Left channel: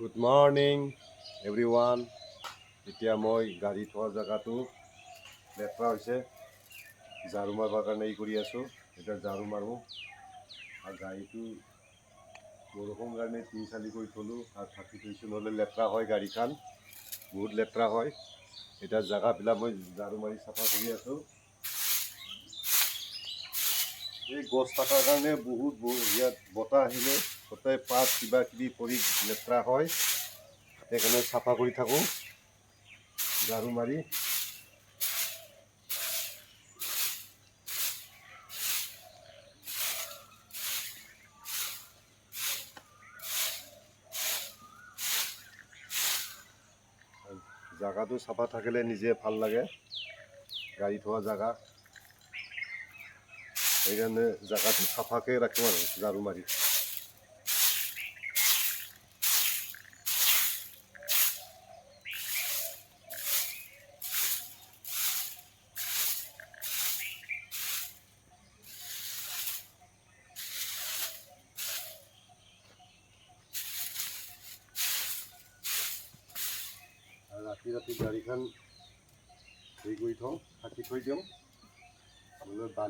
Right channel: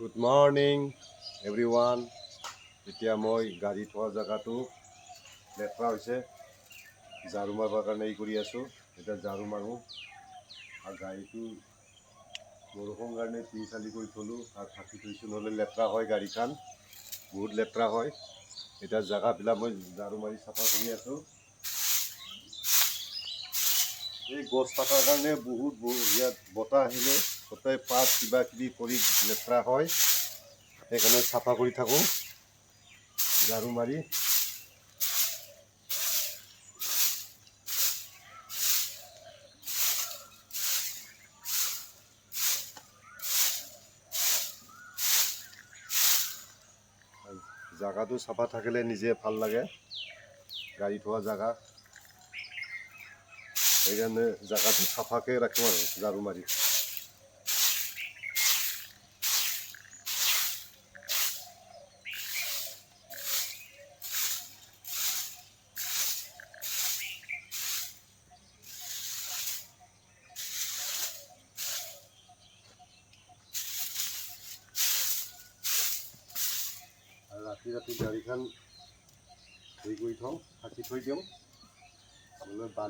Good morning everyone. এতিয়া মই গাড়ী থোৱা জেগাটো লেতেৰা হৈছে, ঝাৰু মাৰিবৰ কাৰণে কৰি আছোঁ। এতিয়া ঝাৰু মাৰোঁ আৰু গাড়ীটো বৰষুণ কাৰণে তিনি চালি কৰি থলোঁ আৰু ঢাকি থৈছোঁ, নহ'লে লেতেৰা হয়, গাড়ীখন বহুত লেতেৰা হয়। এতিয়া জেগাবিলাক মই ঝাৰু মাৰি চাফা কৰি আছোঁ। এই গছ কটাৰ কাৰণে বহুত ইয়াত বতাহ আহিলে গোটেই পাত কিবা কিবি পৰি লেতেৰা হয়, সেইকাৰণে চাফা কৰি থাকোঁ ঝাৰু মাৰি। জাগাটো চাফা থাকিলে নিজে ভাল লাগে, গাড়ী থোৱা জেগা, সেইকাৰণে জেগাটো চাফাকৈ ৰাখোঁ আৰু ঝাৰু মাৰি। আৰু ৰাতি গাড়ীখন হেৰি কৰি থওঁ, ঢাকি থৈ দিওঁ, নহ'লে বালি